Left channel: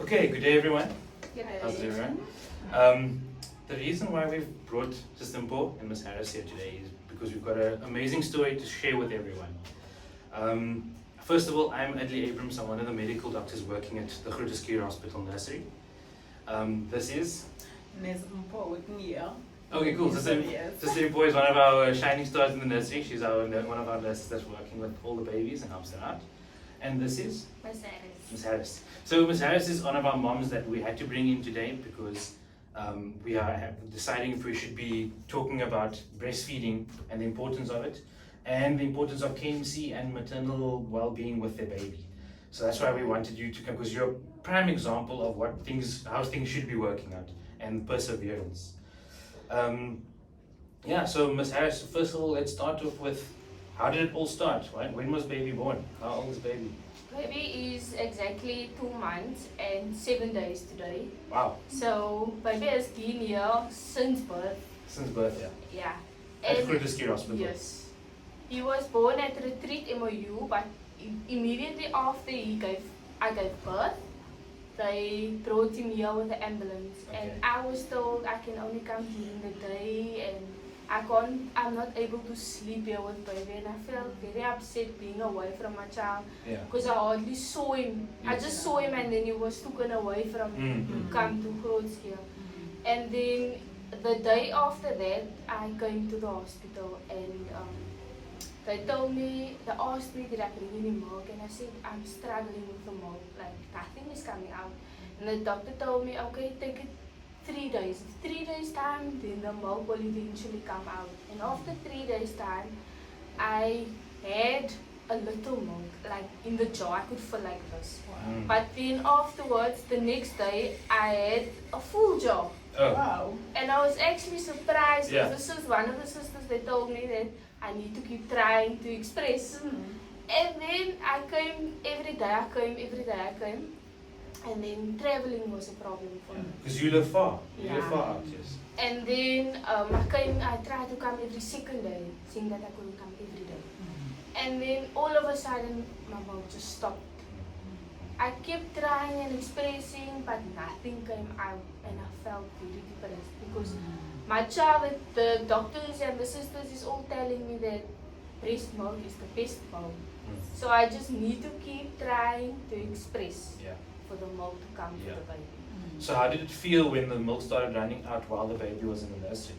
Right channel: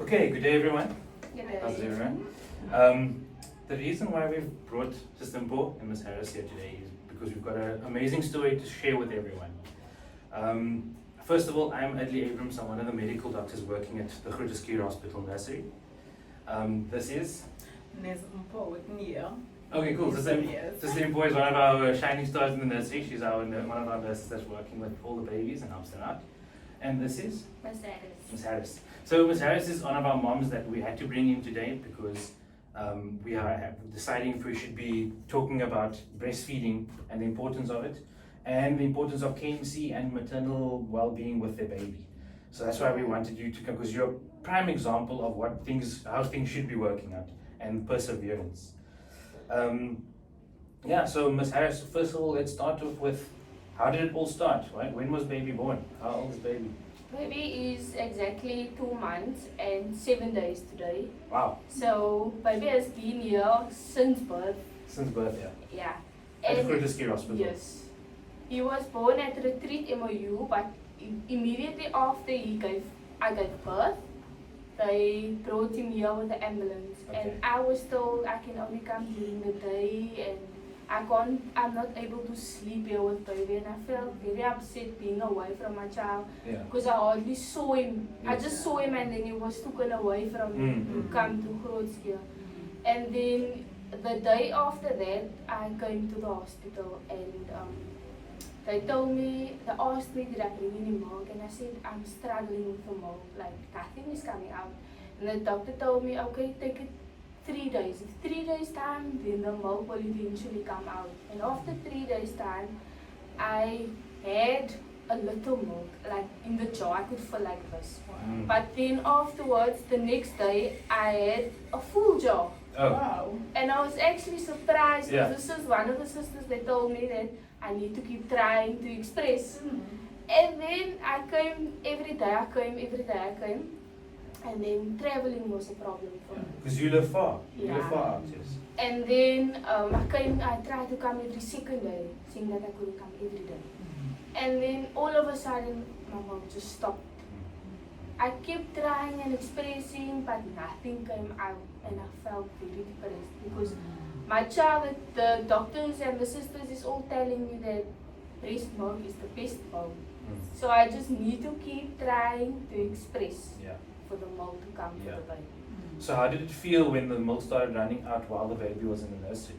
Okay, good day everyone. Good day. How's everyone? The reason why we've brought Sister Mpo and Ms. Harris here today is because we've got an amazing story to share with everyone. First of all, I'm Adli Abrams. I'm one of the medical doctors working at the Groote Hospital Nursery. This is... Ms. Mpo with me here. Okay, cool. Sister Mpo is one of our shining stars in the nursery. She's one of our nurses that's working with all the babies and helps them out. And this is? Ms. Harris. Ms. Harris. So Ms. Harris is one of our moms that we had to bring in today because we are deciding if we should be talking about breastfeeding and the importance of it, and the importance of KMC and maternal well-being with their baby. So that's why we wanted you to come, because you're a prime example of how things should be working out and perseverance. So Ms. Harris, first of all, let's start off with how did it all start? Right? When was baby born? How old is baby? Baby is exactly 2 months and 7 days today. Wow. So baby has been here since birth. Since birth, yeah. Yeah. At Groote Hospital. Yes. He was born at Retreat MOU, but immediately after I gave birth, they brought him here with the ambulance. Okay. And I was told I can only come during the day and I'm not able to sleep here with baby, and I felt very upset being away from my child because I hardly saw him. I just saw him and then he was taken away from me to come to Groot. And then the day after that, I came to the hospital and they asked me did I bring any milk, and I said I'm struggling with the milk, like nothing is coming out. And the doctor told me, okay, take it 3 days. In 3 days time, then the milk will eventually come out. And after 3 days time, I had a little milk, like in the jar. I could feel like this. Wow. But then afterwards, the next day, I had a full jar. Oh. Wow. And I was actually surprised Yeah. because one of the sisters, they told me that I need to keep trying to express. And then I came every day. And then traveling was a problem for me. Because you live far. You live Yeah. far out, yes. And then I tried to come every second day, seeing that I couldn't come every day. And then all of a sudden, my mouth just stopped. I kept trying and expressing, but nothing came out, and I felt very depressed because my child, the doctors and the sisters is all telling me that breast milk is the best milk. So I just need to keep trying to express for the milk to come to the baby. So how did it feel when the milk started running out while the baby was in the nursery?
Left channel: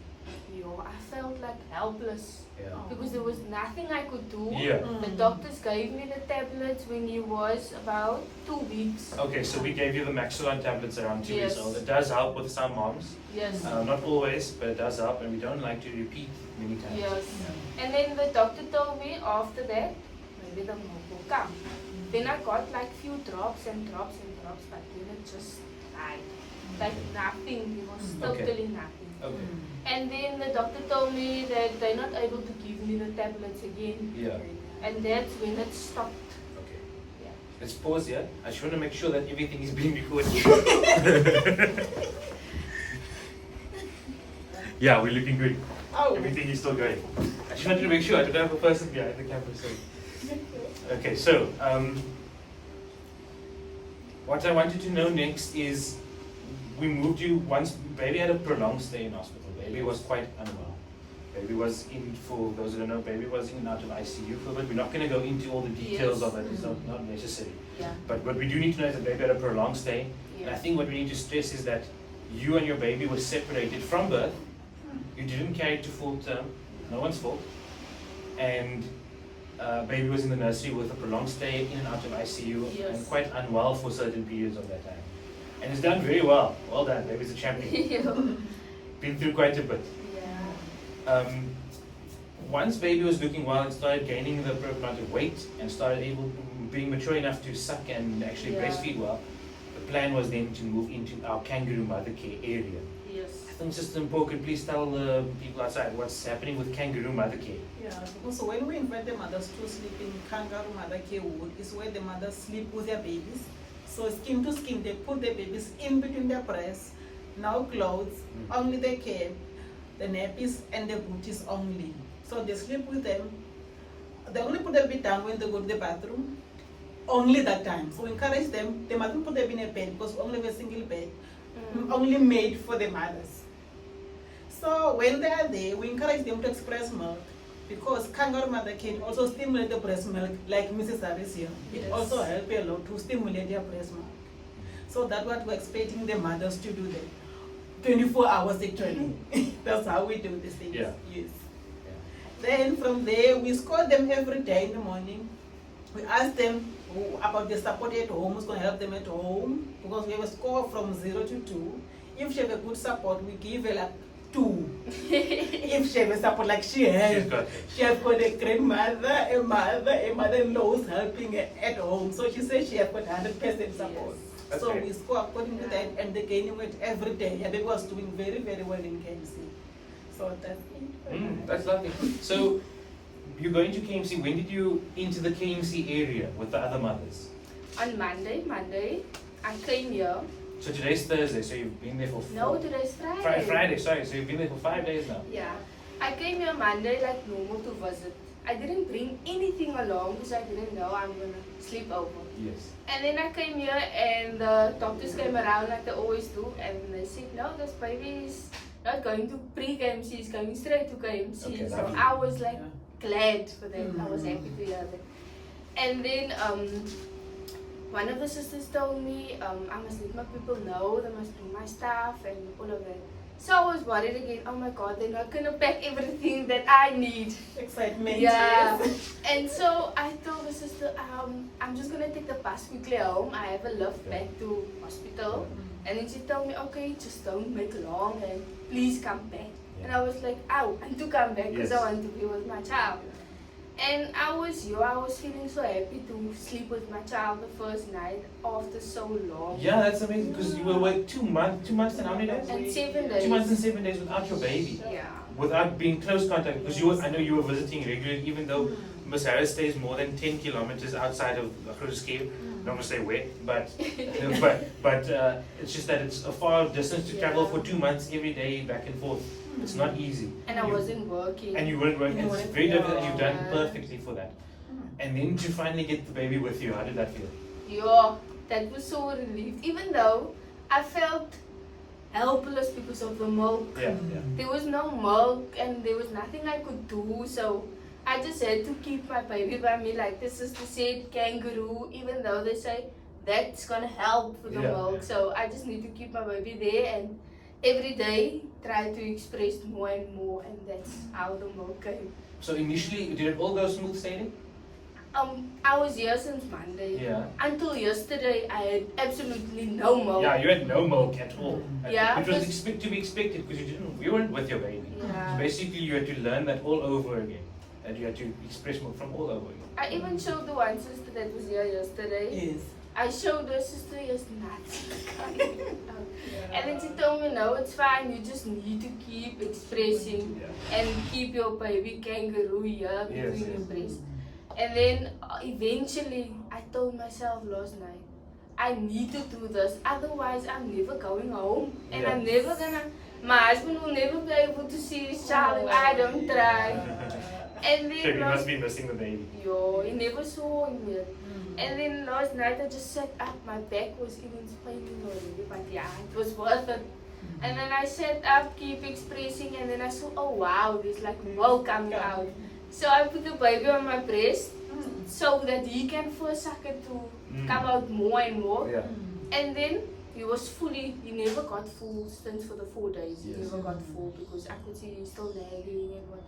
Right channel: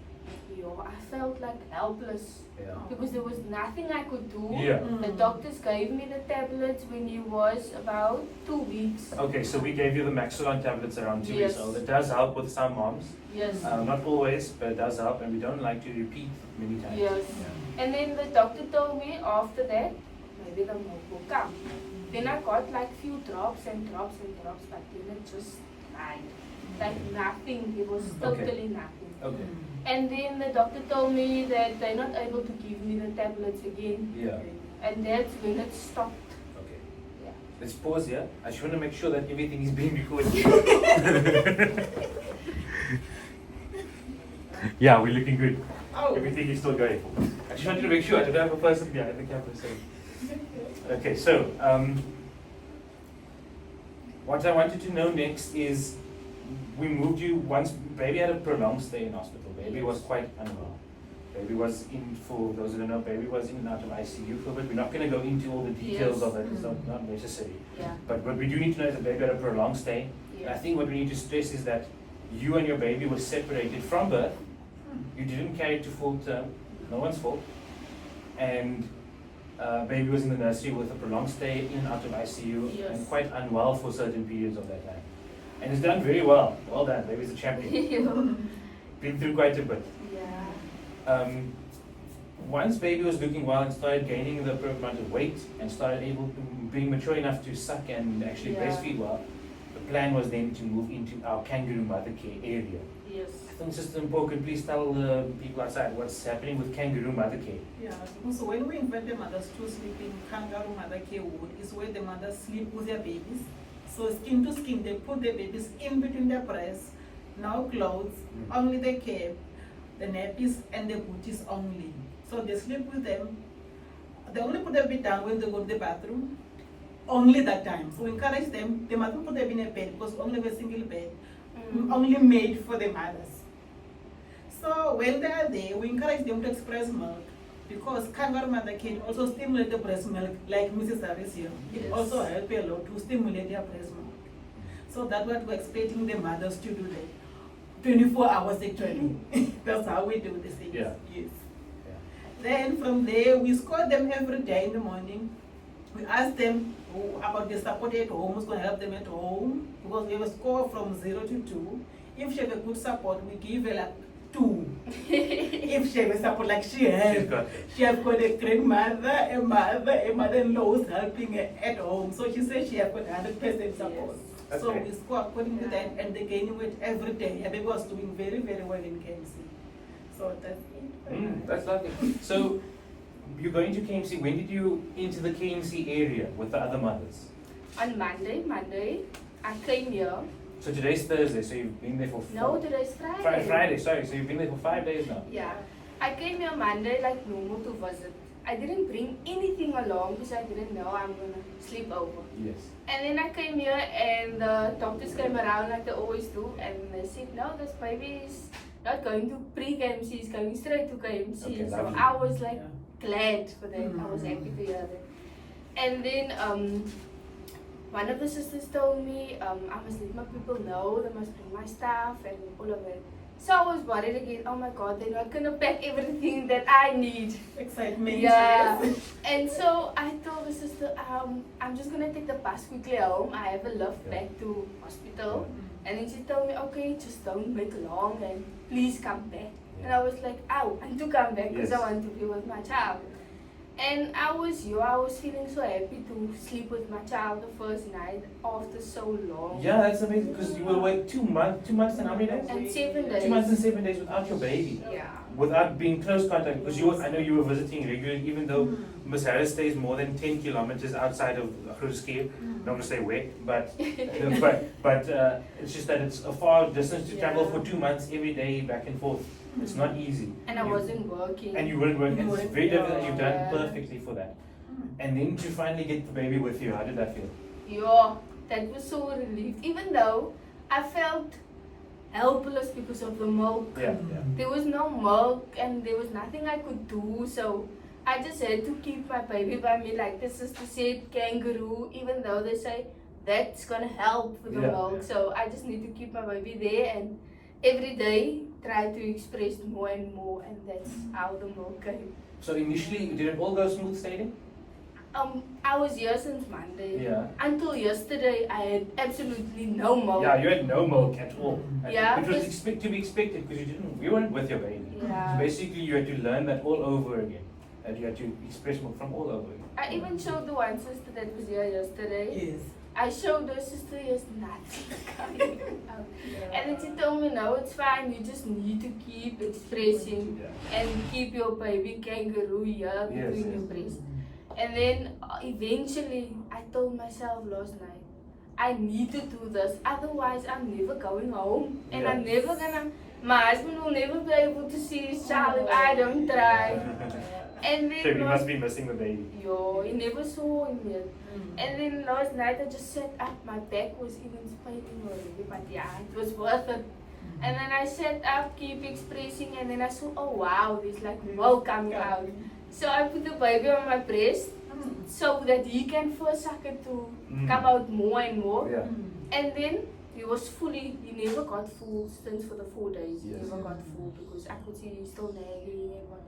I felt like helpless Yeah. because there was nothing I could do. Yeah. The doctors gave me the tablets when he was about 2 weeks. Okay, so we gave you the Maxilon tablets around 2 Yes. weeks old. It does help with some moms. Yes. Not always, but it does help, and we don't like to repeat many times. Yes. Yeah. And then the doctor told me after that, maybe the milk will come. Then I got like few drops and drops and drops, but then it just died. Like nothing, there was totally nothing. Okay. And then the doctor told me that they're not able to give me the tablets again. Yeah. And that's when it stopped. Okay. Yeah. Let's pause here. I just want to make sure that everything is being recorded. Yeah, we're looking good. Oh. Everything is still going. I just wanted to make sure I don't have a person behind the camera. So. Okay, so what I wanted to know next is we moved you once. Baby had a prolonged stay in hospital. Baby was quite unwell. Baby was in, for those who don't know, baby was in and out of ICU for a bit. We're not going to go into all the details of it. It's not necessary. Yeah. But what we do need to know is that baby had a prolonged stay. And I think what we need to stress is that you and your baby were separated from birth. You didn't carry it to full term. No one's fault. And baby was in the nursery with a prolonged stay in and out of ICU and quite unwell for certain periods of that time. And it's done very well. Well done. Baby's a champion. Been through quite a bit. Yeah. Once baby was looking well and started gaining the appropriate amount of weight and started being mature enough to suck and actually breastfeed well, the plan was then to move into our kangaroo mother care area. Yes. I think Sister Mpo, could please tell the people outside what's happening with kangaroo mother care. Yeah, so when we invite the mothers to sleep in kangaroo mother care ward, is where the mothers sleep with their babies. So skin to skin, they put the babies in between their breasts, no clothes, only the cap, the nappies and the booties only. So they sleep with them. They only put the baby down when they go to the bathroom only that time. So we encourage them, they mustn't put them in a bed because we only have a single bed, only made for the mothers. So when they are there, we encourage them to express milk because kangaroo mother can also stimulate the breast milk like Mrs. Harris here. It also helps a lot to stimulate their breast milk. So that's what we're expecting the mothers to do there. 24 hours actually. That's how we do this thing. Yeah. Yes. Then from there, we score them every day in the morning. We ask them about the support at home, who's going to help them at home, because we have a score from 0 to 2. If she have a good support, we give her like 2. If she have a support like she has got a grandmother, a mother-in-law who's helping her at home. So she says she has got 100% support. Yes. So we score according to that, and they gain weight every day. Abby was doing very, very well in KMC. So that's it. That's lovely. So you're going to KMC. When did you enter the KMC area with the other mothers? On Monday, I came here. So today's Thursday, so you've been there for No, today's Friday. Friday, sorry. So you've been there for 5 days now. Yeah. I came here Monday like normal to visit. I didn't bring anything along because I didn't know I'm going to sleep over. Yes. And then I came here and the doctors came around like they always do and they said, no, this baby is not going to pre-KMC, he's going straight to KMC. Okay, so lovely. I was like glad for that. I was happy to hear that. And then one of the sisters told me I must let my people know, they must bring my stuff and all of that. So I was worried again, oh my god, they're not going to pack everything that I need. Excitement. Yeah. Yes. And so I told the sister, I'm just going to take the bus quickly home. I have a lift back to hospital. And then she told me, okay, just don't make long and please come back. And I was like, I want to come back because I want to be with my child. And I was feeling so happy to sleep with my child the first night after so long. Yeah, that's amazing because you were away 2 months and how many days? And 7 days. 2 months and 7 days without your baby. Yeah. Without being close contact, because I know you were visiting regularly, even though Miss Harris stays more than 10 kilometers outside of Grootskip. Don't want to say where, but it's just that it's a far distance to travel for 2 months every day back and forth. It's not easy. And I wasn't working. And you weren't working. It's very difficult, and you've done perfectly for that. And then to finally get the baby with you, how did that feel? Yeah, that was so relieved. Even though I felt helpless because of the milk. Yeah. There was no milk and there was nothing I could do. So I just had to keep my baby by me. Like the sister said, kangaroo, even though they say that's going to help with the milk. So I just need to keep my baby there and every day try to express more and more. And that's how the milk came. So initially, did it all go smooth sailing? I was here since Monday. Yeah. Until yesterday, I had absolutely no milk. Yeah, you had no milk at all. Yeah, Which was to be expected because you weren't with your baby. Yeah. So basically, you had to learn that all over again. And you had to express milk from all over again. I even showed the one sister that was here yesterday. Yes. I showed her sister is nuts. And then she told me, no, it's fine. You just need to keep expressing and keep your baby kangaroo here between your breasts. And then eventually, I told myself last night, I need to do this. Otherwise, I'm never going home. And I'm never gonna, my husband will never be able to see his child if I don't try. And then So you must be missing the baby. Yo, he never saw him yet. And then last night I just sat up, my back was even spinning already, but yeah, it was worth it. And then I sat up, keep expressing, and then I saw, oh wow, there's like milk coming out. So I put the baby on my breast so that he can first suck it to come out more and more. Yeah. And then he was fully, he never got full since for the 4 days. He never got full because I could see he's still nagging and whatever.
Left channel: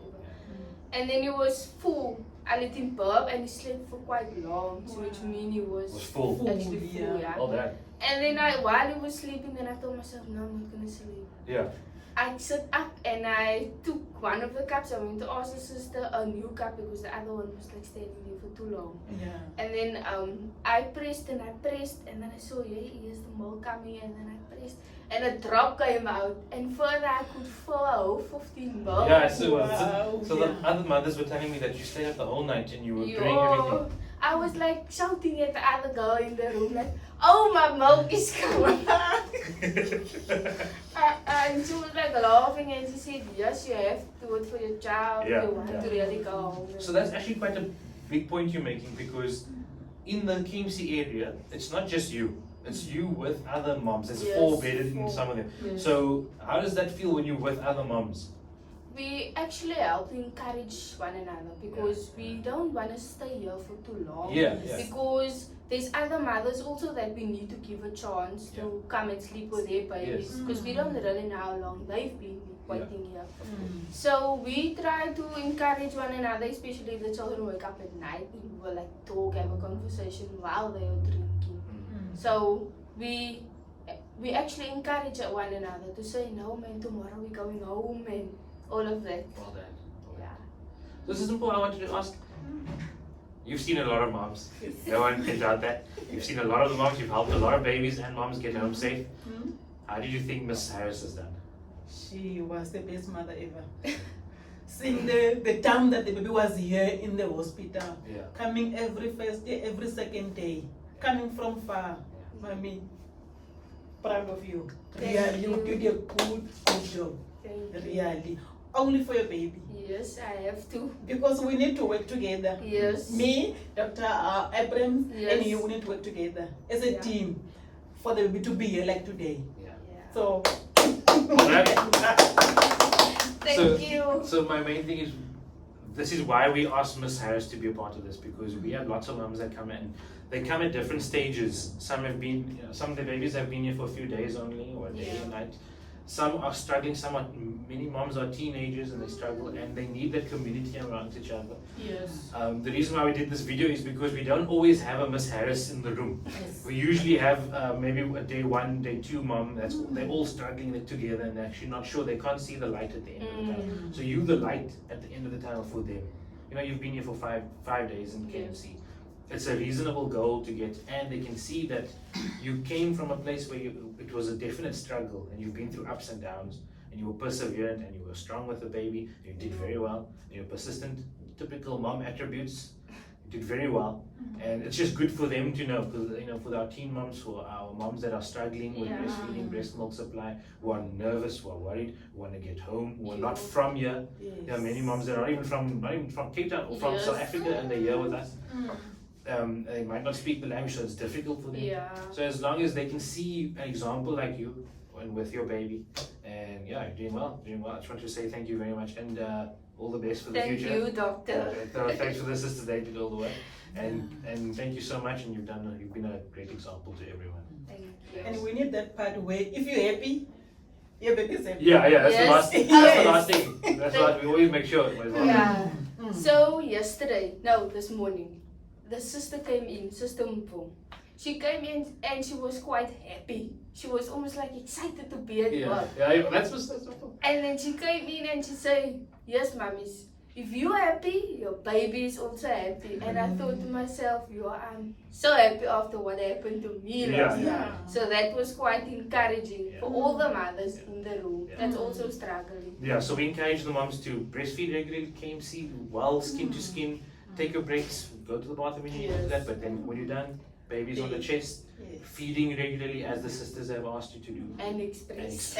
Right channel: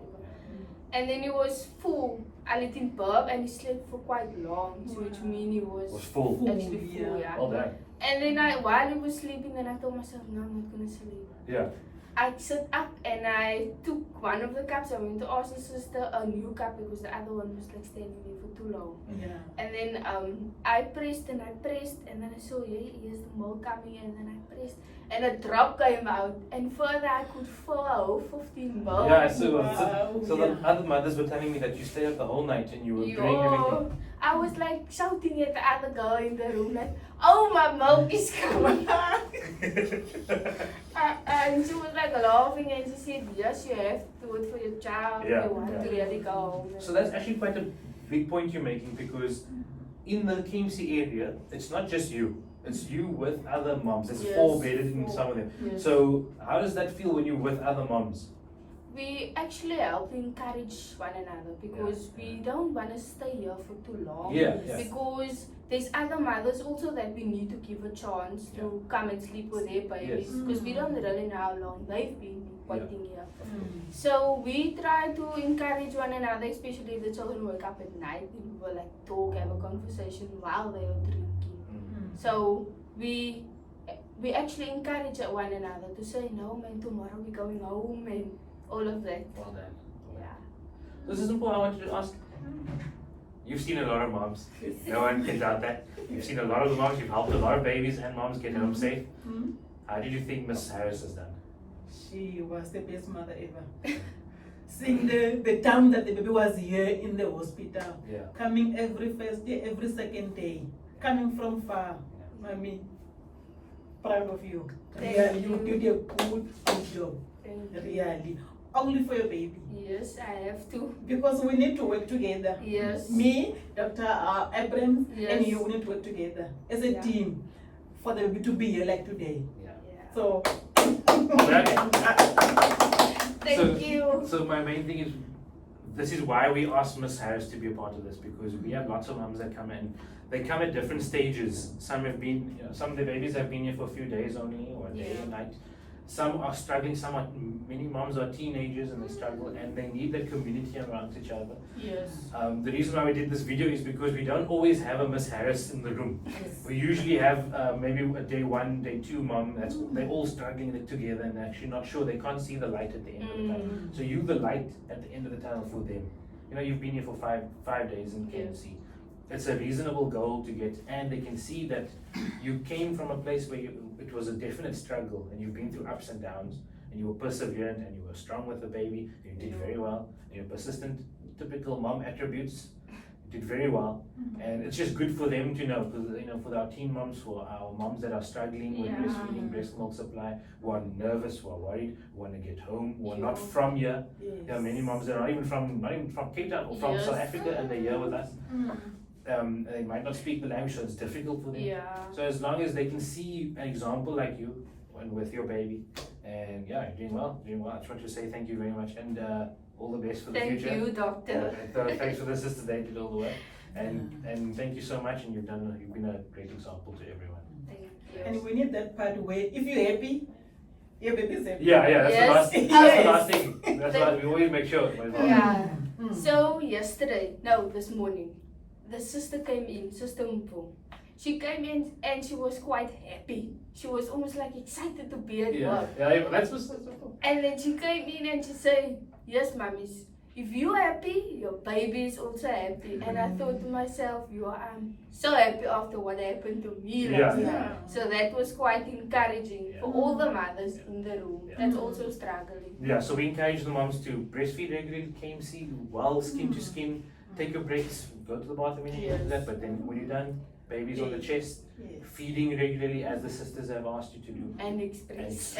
And then he was full. I let him burp and he slept for quite long, so which means he was full. actually full, yeah. All that. And then while he was sleeping, then I told myself, no, I'm not gonna sleep. Yeah. I sat up and I took one of the cups. I went to ask the sister a new cup because the other one was like standing there for too long. Yeah. And then I pressed and I pressed and then I saw, here's the milk coming, and then I pressed and a drop came out and further I could fill a whole 15 milk. Yeah, so the other mothers were telling me that you stayed up the whole night and you were doing everything. I was like shouting at the other girl in the room like, oh, my milk is coming. And she was like laughing and she said, yes, you have to do it for your child. You want to really go home. So that's actually quite a big point you're making because in the KMC area, it's not just you. It's you with other moms. There's Yes, 4 bedded in 4. some of them. Yes. So how does that feel when you're with other moms? We actually help encourage one another because we don't want to stay here for too long. Yeah. Because there's other mothers also that we need to give a chance to come and sleep with their babies because we don't really know how long they've been waiting here. So we try to encourage one another, especially if the children wake up at night. We will like talk, have a conversation while they are drinking. So we actually encourage one another to say, no man, tomorrow we're going home and all of that. Well done. Yeah. This is simple. I wanted to ask. You've seen a lot of moms. No one can doubt that. You've seen a lot of the moms. You've helped a lot of babies and moms get home safe. How did you think Miss Harris has done? She was the best mother ever. Seeing the time that the baby was here in the hospital, coming every first day, every second day, coming from far. Mommy, proud of you. Really, you did a good job. Really. Only for your baby. Yes, I have to. Because we need to work together. Yes. Me, Dr. Abrams, and you need to work together as a team for the baby to be here like today. So, Thank you. So my main thing is, this is why we asked Miss Harris to be a part of this, because we have lots of moms that come in. They come at different stages. Some of the babies have been here for a few days only, or a day or night. Some are struggling, many moms are teenagers and they struggle and they need that community around each other. Yes. The reason why we did this video is because we don't always have a Miss Harris in the room. We usually have maybe a day 1, day 2 mom they're all struggling together and they're actually not sure, they can't see the light at the end of the tunnel. So you're the light at the end of the tunnel for them. You know, you've been here for five days in KMC. It's a reasonable goal to get, and they can see that you came from a place where it was a definite struggle and you've been through ups and downs and you were perseverant and you were strong with the baby, you did very well, and you're persistent, typical mom attributes, you did very well. And it's just good for them to know, because you know, for our teen moms, for our moms that are struggling with breastfeeding, breast milk supply, who are nervous, who are worried, who want to get home, who are not from here. There are many moms that are not even from Cape Town or from South Africa and they're here with us. They might not speak the language, so it's difficult for them. So as long as they can see an example like you and with your baby, and you're doing well. I just want to say thank you very much, and all the best for the future. Thank you, doctor. Thanks for the assistant they did all the way, and thank you so much. And you've been a great example to everyone. Thank you. And we need that part where if you're happy, your baby's happy. That's the last thing. That's the last thing. That's why we always make sure. So this morning, the sister came in, Sister Mpo. She came in and she was quite happy. She was almost like excited to be at work. That's what's so. And then she came in and she said, yes, mummies, if you're happy, your baby is also happy. And I thought to myself, I'm so happy after what happened to me last year. So that was quite encouraging for all the mothers in the room that's also struggling. So we encourage the moms to breastfeed regularly, KMC, well, skin to skin. Take your breaks, go to the bathroom when you need that, but then when you're done, baby's on the chest, feeding regularly as the sisters have asked you to do. And express.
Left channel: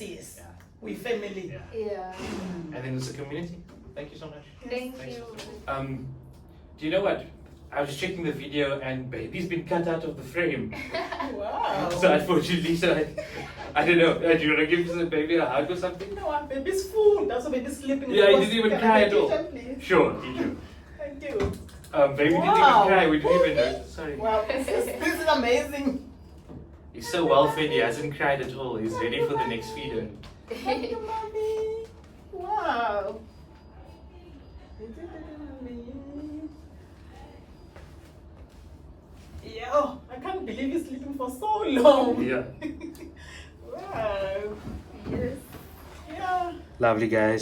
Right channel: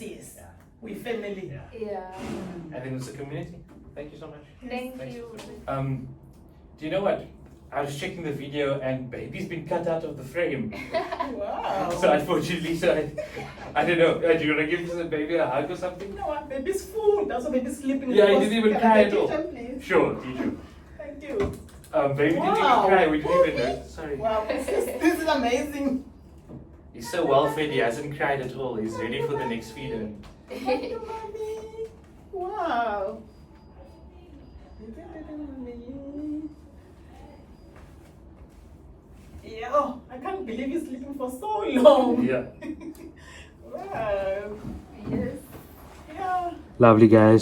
Yes. We family. And then it's a community. Thank you so much. Thank you. Do you know what? I was checking the video and baby's been cut out of the frame. Wow. So unfortunately, I don't know. Do you want to give the baby a hug or something? No, our baby's full. That's why baby's sleeping. He didn't even cry at all. Sure, teach him. Thank you. Baby didn't even cry, we didn't even know. Sorry. Wow, this is amazing. He's so well fed, he hasn't cried at all. He's ready for the next feeder. Thank you, mommy. Wow. I can't believe he's sleeping for so long. Yeah. Wow. Yes. Lovely, guys.